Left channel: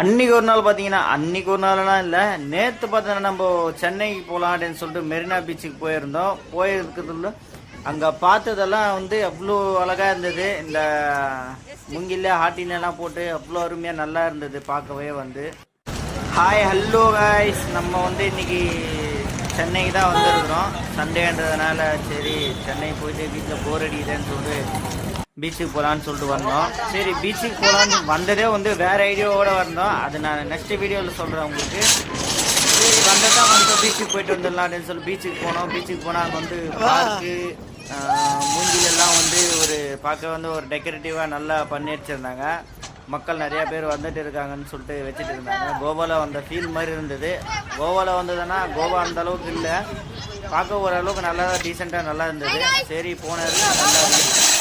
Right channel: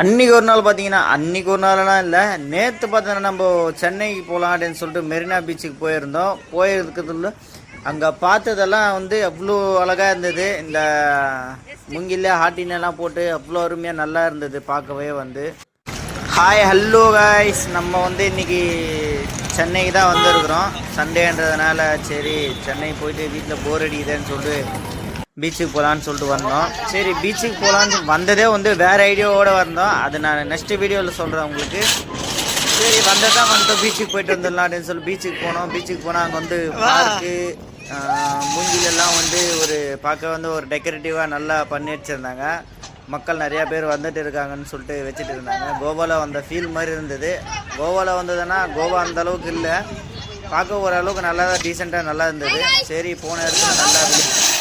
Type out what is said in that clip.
அன்றைக்கி ஒரு நாள் பார்த்தீங்கன்னா அன்றைக்கி ஒரு நாளெலாம் இல்லை, நேற்று பார்த்தோன்னா நம்ம சென்னைக்கு போகலாம் அப்படின்னு சொல்லிட்டு மெரினா பீச்சுக்கு போயிருக்கிறதுல அங்கே பார்த்ததெல்லாம் வந்து அவ்வளோ அழகாக இருந்தது. இந்த முங்கில ஹாட்டினெல்லாம் போட்டு அவ்வளோ அருமையாக நல்லா இருந்தது பார்க்கவே வந்து. ஹாய் ஹலோ காய்ஸ், நம்ம வந்து இன்றைக்கி சென்னைக்கு தான் வந்திருக்கிறோம். சண்டேன்றதுனால சரி சென்னை போயிட்டு வீட்டில் போர் அடிக்குதுன்னு சொல்லிட்டு பீச்சுக்கு போகலான்னு சொல்லிட்டு வந்தோம். சரி பீச்சுக்கு போகலான்னு வந்ததே வந்து வேறு ஐடியாவோடு வந்தோம். அது நான் நெக்ஸ்ட் வீடியோவில் சொல்கிறேன் உங்களுக்கு. சரி வந்ததான் வந்து பீச்சுக்கு போயிட்டு வந்துடலாம் அப்படின்னு சொல்லி பீச்சுக்கு போனோம். பீச்சுக்கு போனால் அங்கே வந்து பார்க்கு மூங்கிலெல்லாம் வந்து ஒரு பார்க்க வந்து ஒரு டெக்கரேட்டிவாக நல்லா பண்ணி வச்சுருந்தாங்க. மக்கள் நிறையா பேர் வந்துட்டு இருக்காங்கன்னு சொல்லிட்டு வச்சுட்டு இருந்தாங்க. கோவாவில் வந்த ஃபீல் மாதிரி இருந்தது. கோவாவில் வந்ததுன்னா கோவா அந்த அளவுக்கு இல்லை, பார்க்க ஓரளவுக்கு நல்லா டீசெண்டாக நல்லா இருந்தது. சரி போன இடத்துல நல்லா இருந்துச்சு.